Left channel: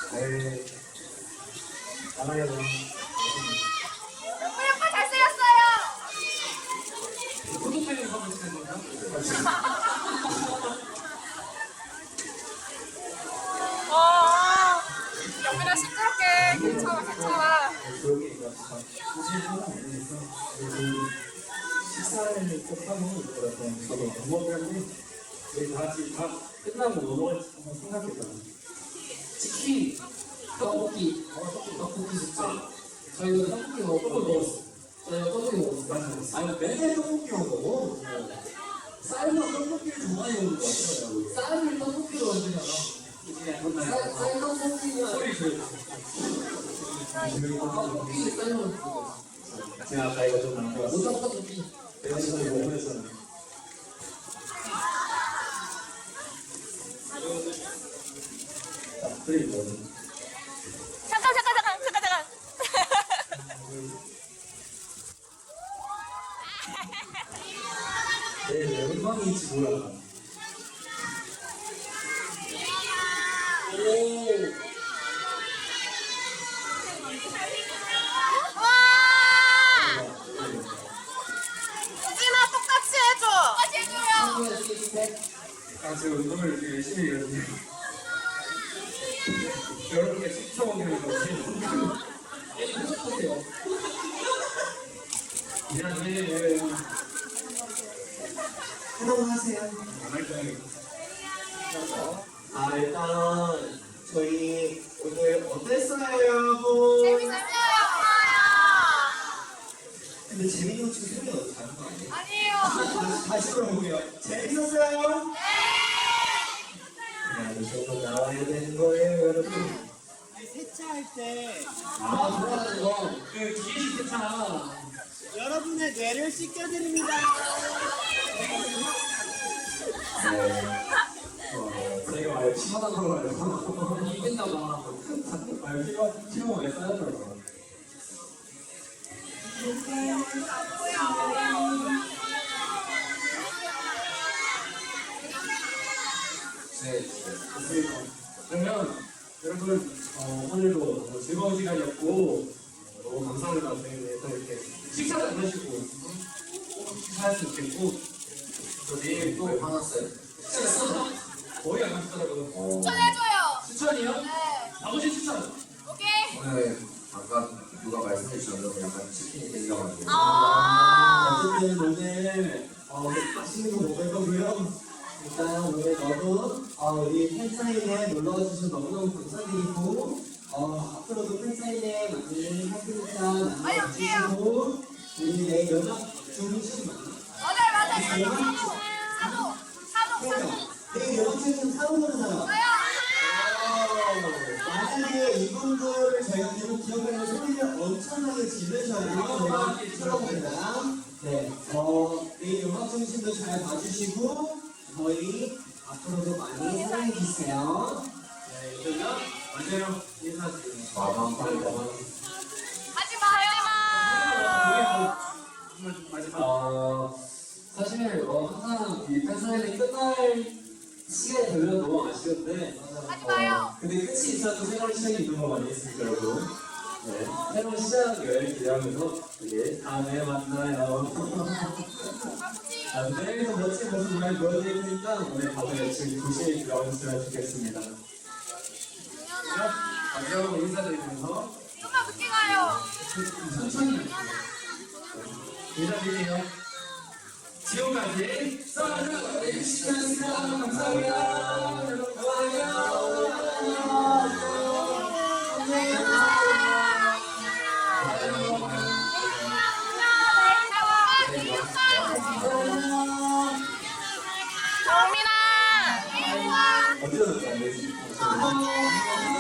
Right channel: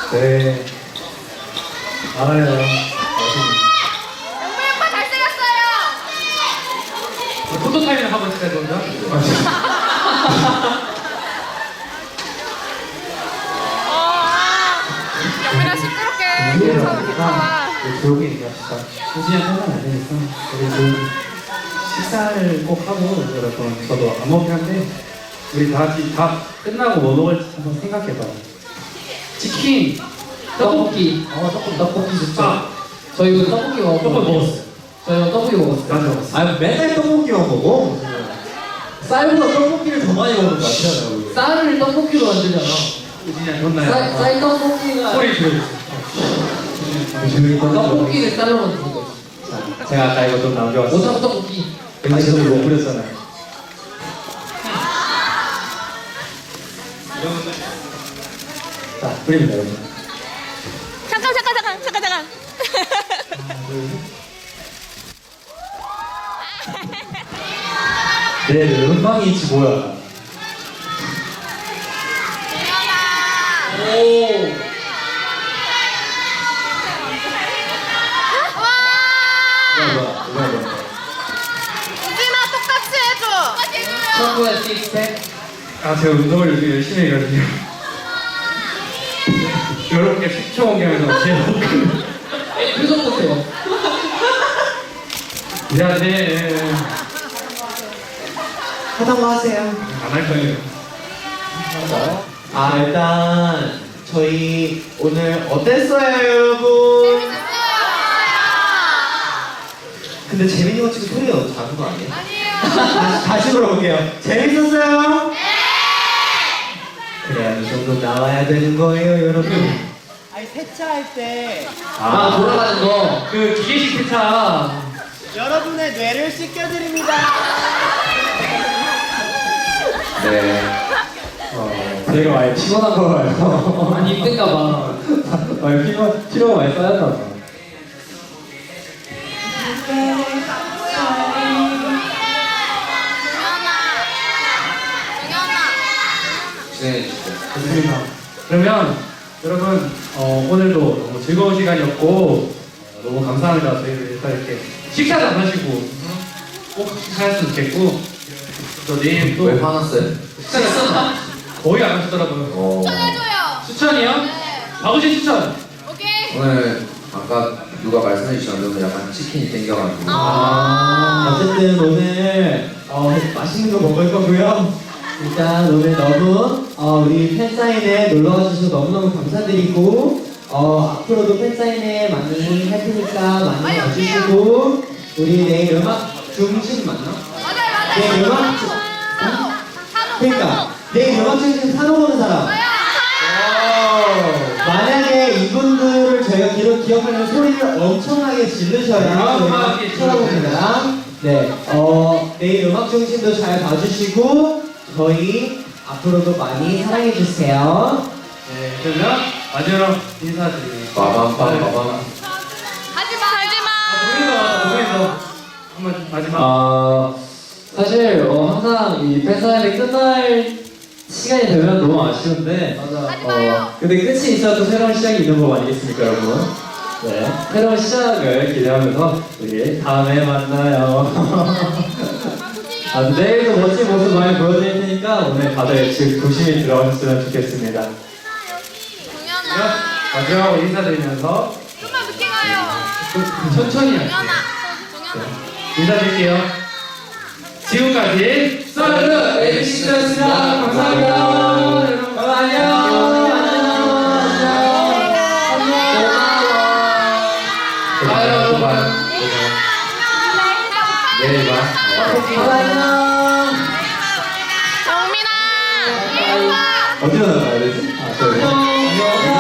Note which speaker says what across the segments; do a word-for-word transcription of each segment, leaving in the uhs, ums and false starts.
Speaker 1: 네. 알아요.
Speaker 2: 포토타임을 한번 찍어야 되나?
Speaker 1: 우리랑 조용히 얘기합시다. 우진이 하면 안 되니까 우리 그 식사를 꼭 하고 여러분 저도 안 먹긴 한데 우리 다 같이 다 끝나고 뭐 먹을지 한번 생각해봐.
Speaker 2: 치킨, 떡볶이.
Speaker 1: 어 떡볶이
Speaker 2: 떡볶이 좋죠.
Speaker 1: 아,
Speaker 2: 저희 이거 떡볶이 먹었고.
Speaker 1: 떡볶이 먹었어요.
Speaker 2: 저희 이거 떡볶이 먹었어요.
Speaker 1: 나도 먹었어.
Speaker 3: 아 맨날 떡볶이만 먹어? 쌀보다 떡볶이를 더 많이 먹는 것 같아요. 우리.
Speaker 2: 쌀을 떡볶이로 만들잖아.
Speaker 1: 우진이 혼나요.
Speaker 2: 쌀, 쌀 떡볶이가.
Speaker 1: 소리 들어주세요. 조용히
Speaker 2: 떡볶이를 쌀로 만드는 거지.
Speaker 1: 자, 제가 아까 이거 좀 남겨왔어요.
Speaker 2: 오징어 떡볶이.
Speaker 1: 아니 저도 이거 뿌렸잖아요. 자, 뿌립니다 여러분.
Speaker 4: 잠깐 잠깐 잠깐 잠깐 잠깐.
Speaker 3: 내 음방이지 뭐야?
Speaker 2: 오.
Speaker 3: 이거 뭐야? 이거 뭐야?
Speaker 4: 이진아 똑같이 해줘.
Speaker 2: 청구의 식스팩.
Speaker 1: 아 제가 운동을 요즘 열심히 해가지고 이렇게 식초 옮기면서 제 목을
Speaker 2: 표정 보세요.
Speaker 1: 미안해
Speaker 3: 하던 거 하세요.
Speaker 1: 안 할 거예요.
Speaker 3: 아 일단 저희 오늘 어땠어요 여러분? 근데 재민이 형 지금 소리가 너무 작은 거 아니에요? 다시, 다시 물어볼게요. 재밌었어요? 그래야 이 정도 나와야 되는 거예요 여러분.
Speaker 5: 아니 세차할 때
Speaker 2: 아, 돌아가는 거.
Speaker 1: 그 기계식 세차
Speaker 5: 여러분의 뇌를 씻겨드립니다.
Speaker 3: 네. 어, 제가 많이 피곤한 거 봐요.
Speaker 2: 아니, 힘든가 봐.
Speaker 3: 많이 피곤, 피로가 많이 쌓였나 봐.
Speaker 4: 정연아.
Speaker 1: 좋습니다. 그러면 여러분 어, 오늘도 너무 즐거운 시간이었고 어, 너무 감사합니다. 저희를 일단 이렇게 식사도 안 하시고 꼭 식사했으면 좋겠고 또 내일 또
Speaker 3: 왜 화났어요?
Speaker 1: 식사를 거의 안 하시더라고요.
Speaker 3: 어,
Speaker 1: 추천이요? 박우신 추천.
Speaker 4: 오케이.
Speaker 6: 오늘 아까 누가 말씀해 주셨는데 약간 치킨이 땡겨가지고
Speaker 3: 아, 어쨌든 오늘 어, 맛있는 거 먹을 거고요. 일단 오늘 너무 어, 우리 팬사인회 놀러와 주셔서 너무너무 감사드리고 어, 앞으로도 팬사인회 많이 할 테니까 많이 와주시고 우리 내일 음악 중심 맞나? 내일 음악 중... 응? 그러니까 내일 음악 중심 사러 오는 사람 만약에 이분들을 저희가 기록, 기억하려면 소리를 엄청나게 지르셔야 저희가 찾아봅니다. 네, 어, 내일 음악 중심도 잘 봐주시고 저희 앞으로도 많이 사랑해주세요.
Speaker 1: 네, 그러면 마지막 인사드립니다.
Speaker 6: 빠밤 빠밤 빠밤
Speaker 4: 하지마 하지마.
Speaker 1: 아, 노래도 나왔다, 노래도. 한번 마지막.
Speaker 7: 아 사실 어, 항상 이 팬사인회 끝날 시간이 되면 너무 아쉬운데 어 근데 끝이 있어야 또 새로운 시작이 있는 거 아니겠습니까 여러분? 네 새로운 시작을 기대하면서 우리 다음에 만나요. 아, 내일도 멋진 모습 많이 보여드릴 테니까 오늘 다들 집 조심히 들어가셨으면 좋겠습니다.
Speaker 1: 그러면
Speaker 4: 정연아.
Speaker 1: 마지막으로 인사드리면서 천천히 할게요.
Speaker 4: 정연아.
Speaker 1: 인사드릴게요. 지금까지 사르르 에이비씨였습니다. 감사합니다. 여러분 안녕.
Speaker 6: 내일 봐 내일 봐
Speaker 4: 정민아.
Speaker 3: 어디로 나가야 되지? 아, 저희.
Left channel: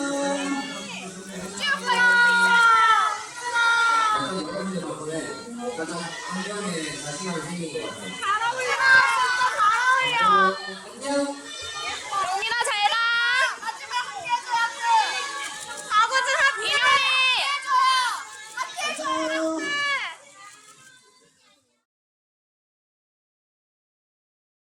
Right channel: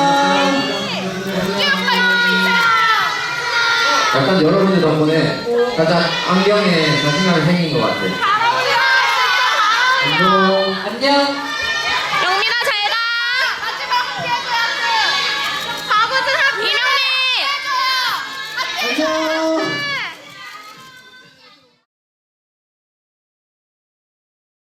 Speaker 6: 약간 여러분들 덕분에 가장 안경에 자신감이 생긴 것 같아.
Speaker 4: 잘 어울려.
Speaker 2: 안녕. 안녕.
Speaker 4: 영민아 잘 가. 바보들 이명민.
Speaker 3: 안녕.